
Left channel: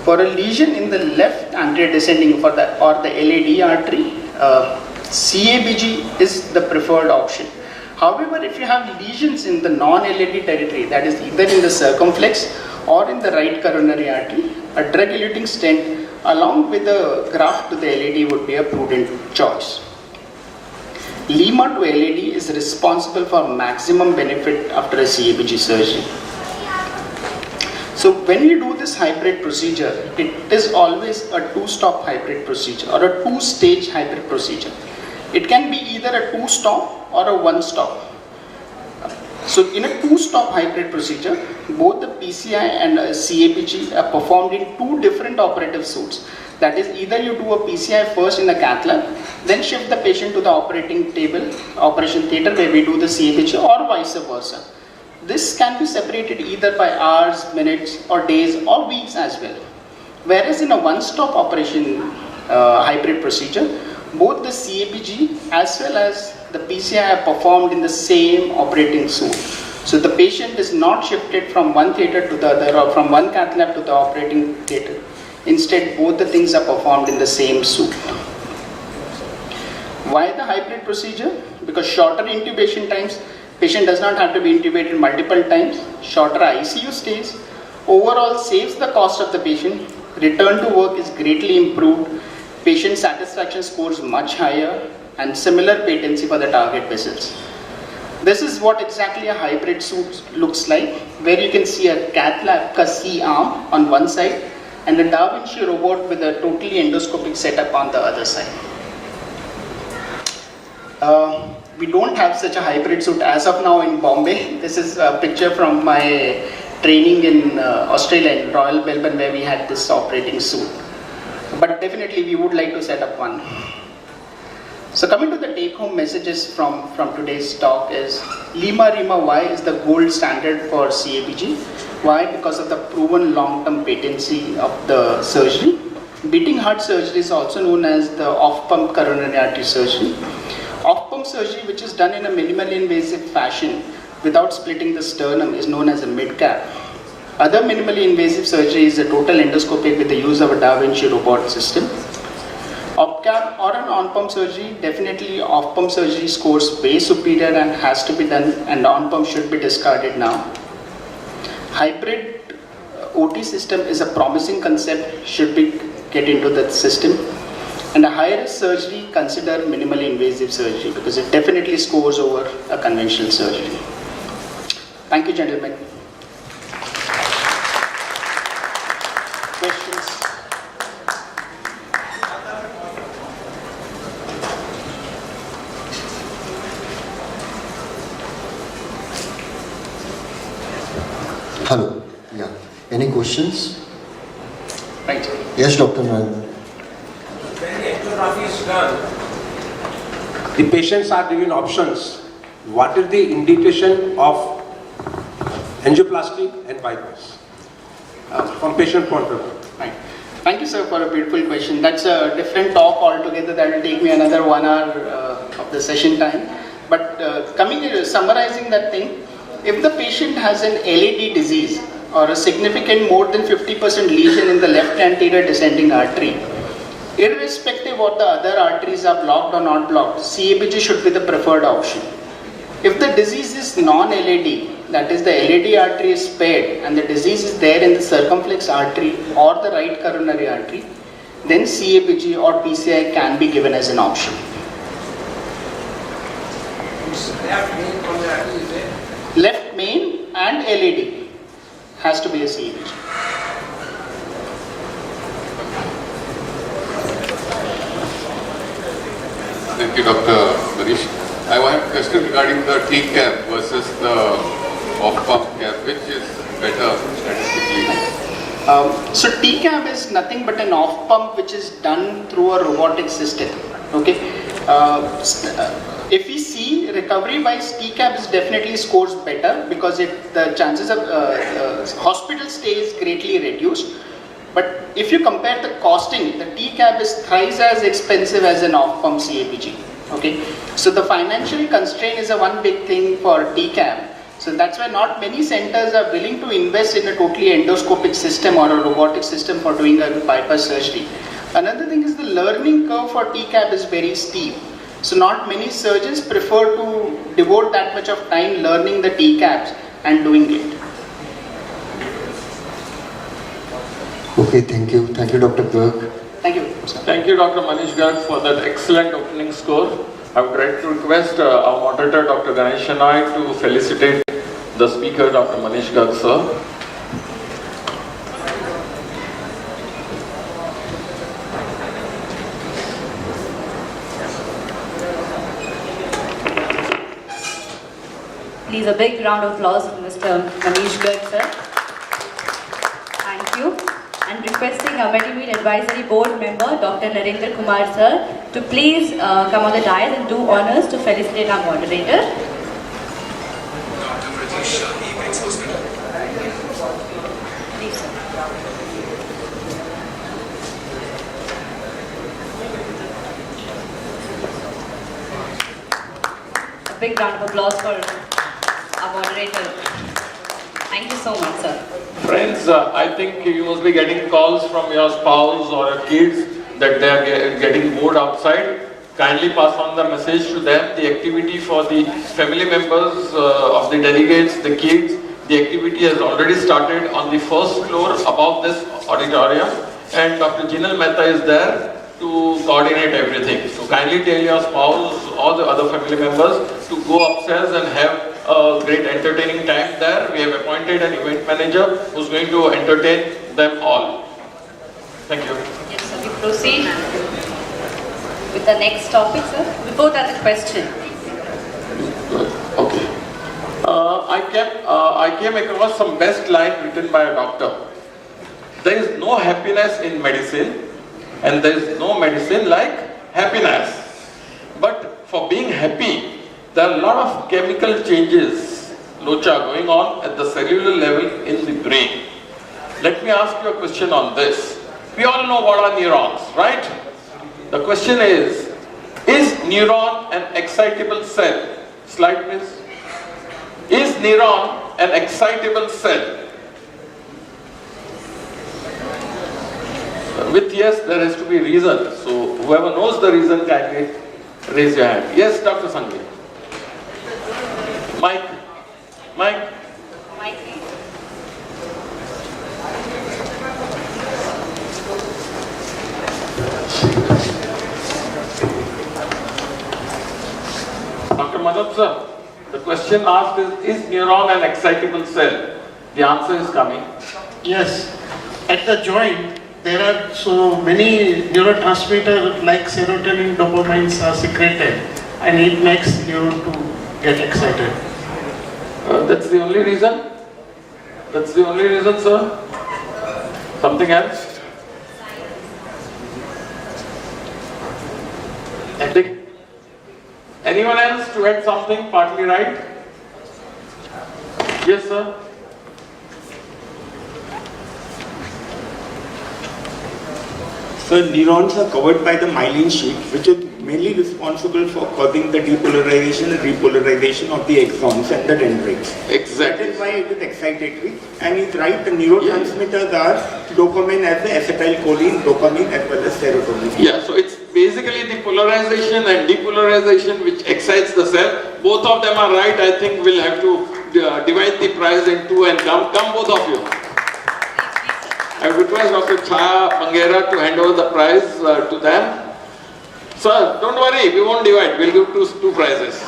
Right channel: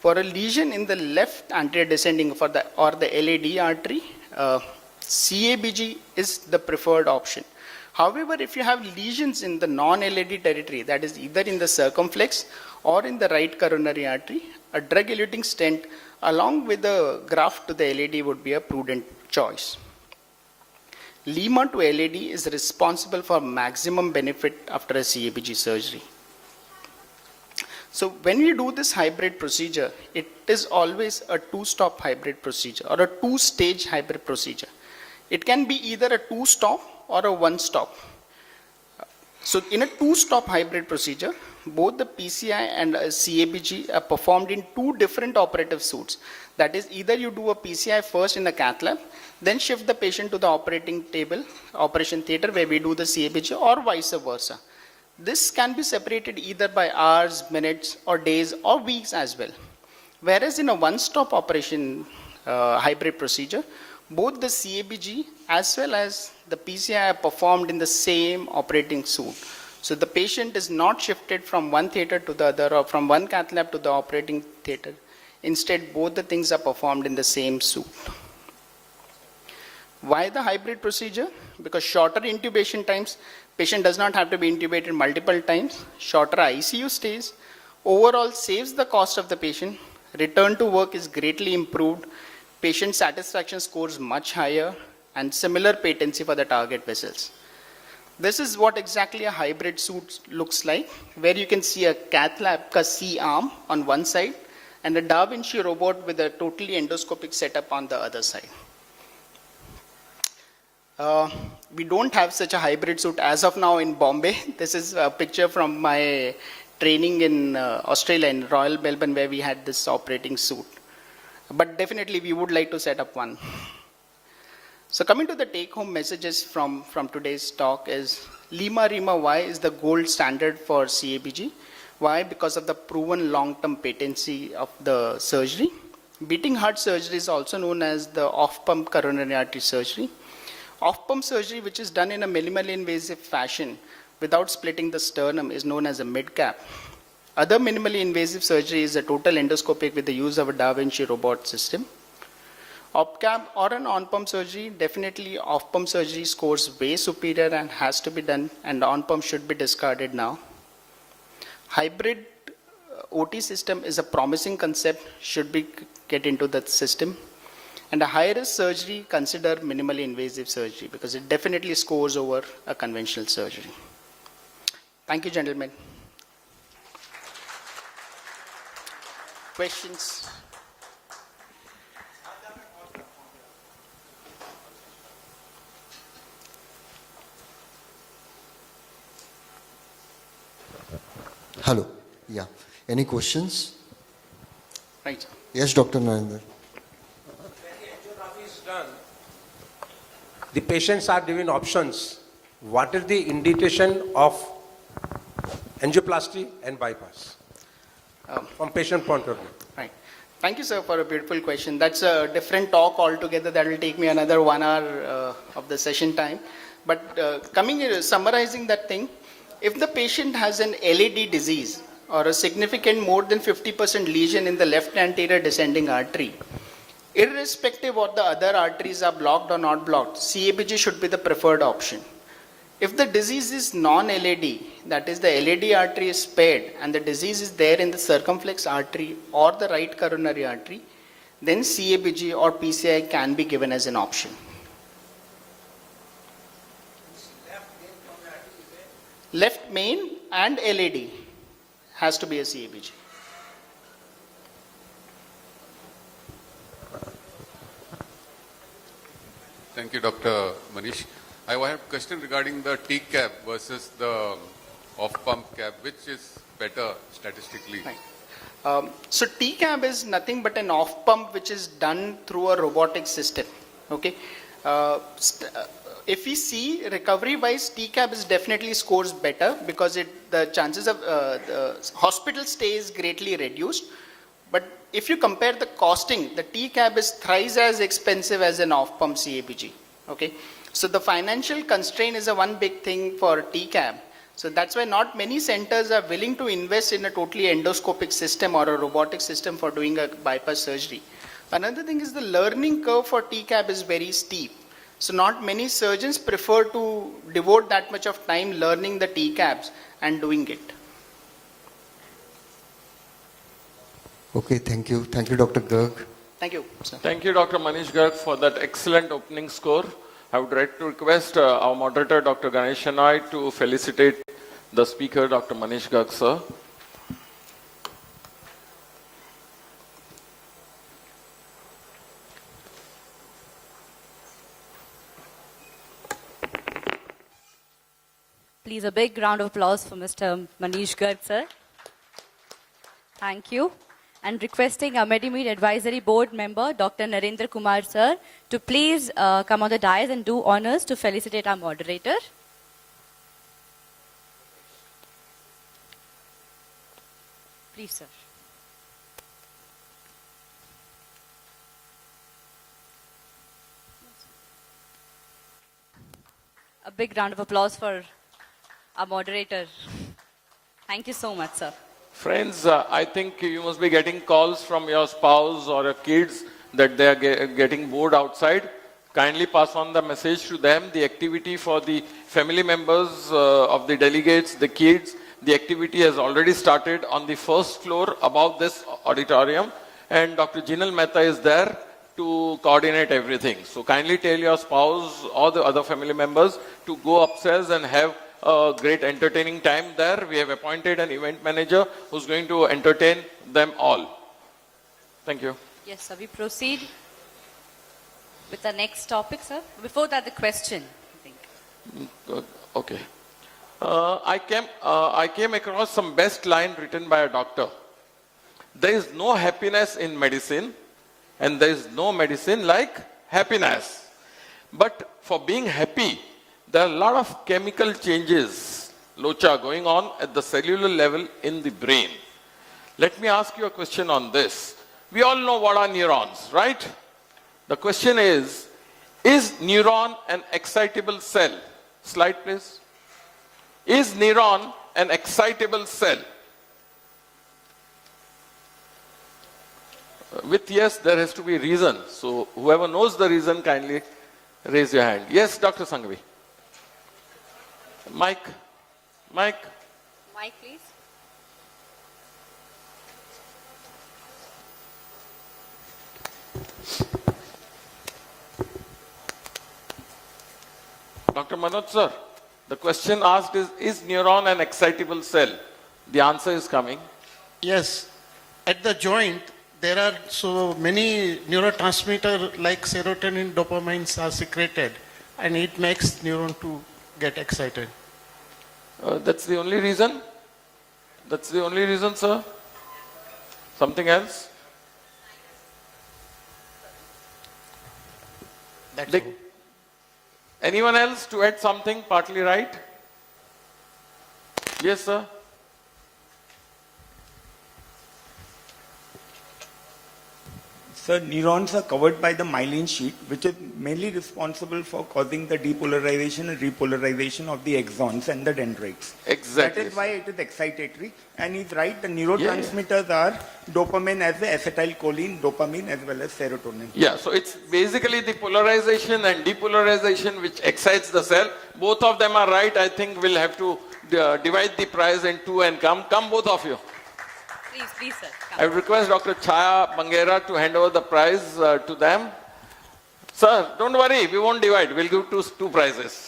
For a lesion in the left anterior descending or the LAD artery, CABG is the preferred option. However, if you have lesions in the non-LAD territory, that is either in the circumflex or in the right coronary artery, a drug-eluting stent along with a graft to the LAD would be a prudent choice. Lima to LAD is responsible for maximum benefit after a CABG surgery. So when you do this hybrid procedure, it is always a 2-stop hybrid procedure or a 2-stage hybrid procedure. It can be either a 2-stop or a 1-stop. So in a two-stop hybrid procedure, both the PCI and CABG are performed in two different operative suites. That is, either you do a PCI first in the cath lab, then shift the patient to the operating table, operation theatre where we do the CABG, or vice versa. This can be separated either by hours, minutes, or days, or weeks as well. Whereas in a one-stop operation hybrid procedure, both the CABG as well as the PCI are performed in the same operating suite. So the patient is not shifted from one theatre to the other or from one cath lab to the operating theatre. Instead, both the things are performed in the same suite. Why the hybrid procedure? Because shorter intubation times, patient does not have to be intubated multiple times, shorter ICU stays, overall saves the cost of the patient, return to work is greatly improved, patient satisfaction scores much higher, and similar patency for the target vessels. This is what exactly a hybrid suit looks like, where you can see a cath lab C arm on one side and a Da Vinci robot with a totally endoscopic setup on the other side. We don't have such a hybrid suit as of now in Bombay. This is a picture from my training in Australia, in Royal Melbourne, where we had this operating suit. But definitely we would like to set up one. So coming to the take-home messages from today's talk is, Lima Y is the gold standard for CABG. Why? Because of the proven long-term patency of the surgery. Beating heart surgery is also known as the off-pump coronary artery surgery. Off-pump surgery, which is done in a minimally invasive fashion without splitting the sternum, is known as a mid-cap. Other minimally invasive surgery is a total endoscopy with the use of a Da Vinci robot system. Op-cap or an on-pump surgery, definitely off-pump surgery scores way superior and has to be done, and on-pump should be discarded now. Hybrid OT system is a promising concept, should be get into that system. And a high-risk surgery, consider minimally invasive surgery because it definitely scores over a conventional surgery. Thank you, gentlemen. Questions? Hello. Yeah. Any questions? Thank you. Yes, Dr. Narendra. When the angiography is done, the patients are given options. What is the indication of angioplasty and bypass from patient point of view? Right. Thank you, sir, for a beautiful question. That's a different talk altogether. That will take me another 1 hour of the session time. But coming here, summarizing that thing, if the patient has an LAD disease or a significant more than 50% lesion in the left anterior descending artery, irrespective of the other arteries are blocked or not blocked, CABG should be the preferred option. If the disease is non-LAD, that is the LAD artery is spared and the disease is there in the circumflex artery or the right coronary artery, then CABG or PCI can be given as an option. Left main and LAD has to be a CABG. Thank you, Dr. Manish. I have a question regarding the T-cap versus the off-pump cap. Which is better statistically? So T-cap is nothing but an off-pump which is done through a robotic system. Okay. If we see recovery by T-cap is definitely scores better because the chances of hospital stay is greatly reduced. But if you compare the costing, the T-cap is thrice as expensive as an off-pump CABG. Okay, so the financial constraint is a one big thing for T-cap. So that's why not many centers are willing to invest in a totally endoscopic system or a robotic system for doing a bypass surgery. Another thing is the learning curve for T-cap is very steep. So not many surgeons prefer to devote that much of time learning the T-caps and doing it. Okay, thank you. Thank you, Dr. Garg. Thank you. Thank you, Dr. Manish Garg, for that excellent opening score. I would like to request our moderator, Dr. Ganesh Shenoy, to felicitate the speaker, Dr. Manish Garg, sir. Please a big round of applause for Mr. Manish Garg, sir. Thank you. And requesting our MEDIMEET Advisory Board member, Dr. Narendra Kumar, sir, to please come on the dais and do honors to felicitate our moderator. Please, sir. A big round of applause for our moderator. Thank you so much, sir. Friends, I think you must be getting calls from your spouse or your kids that they are getting bored outside. Kindly pass on the message to them. The activity for the family members of the delegates, the kids, the activity has already started on the first floor above this auditorium, and Dr. Jinal Mehta is there to coordinate everything. So kindly tell your spouse or the other family members to go upstairs and have a great entertaining time there. We have appointed an event manager who's going to entertain them all. Thank you. Yes, sir. We proceed with the next topic, sir. Before that, the question. Okay. I came across some best line written by a doctor. There is no happiness in medicine, and there is no medicine like happiness. But for being happy, there are a lot of chemical changes, Locha, going on at the cellular level in the brain. Let me ask you a question on this. We all know what are neurons, right? The question is neuron an excitable cell? Slide please. Is neuron an excitable cell? With yes, there has to be reason. So whoever knows the reason, kindly raise your hand. Yes, Dr. Sanjay. Mike. Mike, please. Dr. Manoj sir, the question asked is neuron an excitable cell? The answer is coming. Yes. At the joint, there are so many neurotransmitters like serotonin, dopamine are secreted, and it makes neuron to get excited. That's the only reason? That's the only reason, sir? Something else? Anything? Anyone else to add something partly right? Yes, sir? So neurons are covered by the myelin sheath, which is mainly responsible for causing the depolarization and repolarization of the axons and the dendrites. Exactly. That is why it is excitatory. And he's right, the neurotransmitters are dopamine as the acetylcholine, dopamine as well as serotonin. Yeah, so it's basically the polarization and depolarization which excites the cell. Both of them are right. I think we'll have to divide the prize in two and come both of you. I request Dr. Chaya Pangera to hand over the prize to them. Sir, don't worry, we won't divide. We'll do two prizes.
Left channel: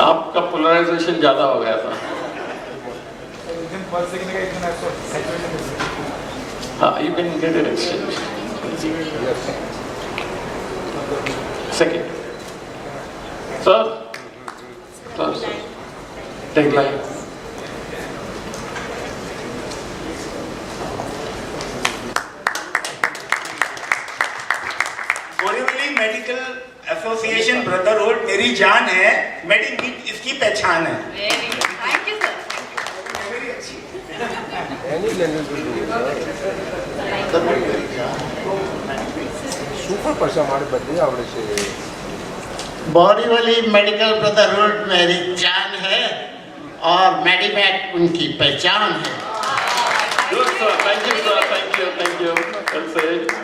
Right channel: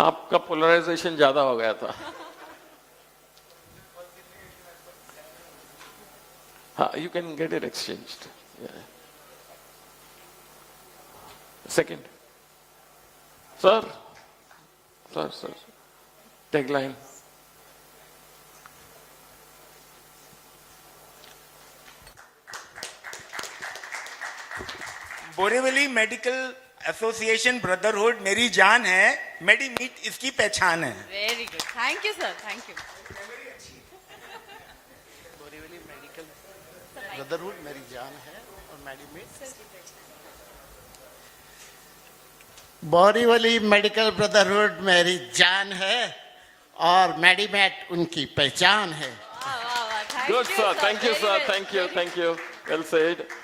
आपका polarisation ज्यादा हो गया था. हाँ, you can get an exchange. Second. Sir, take line. Borivali medical association brotherhood मेरी जान है, मेडिमीट इसकी पहचान है. Very good. Thank you, sir. Borivali medical brotherhood मेरी जान है और मेडिमेट उनकी पहचान है. Good sir, thank you sir, thank you. Well said.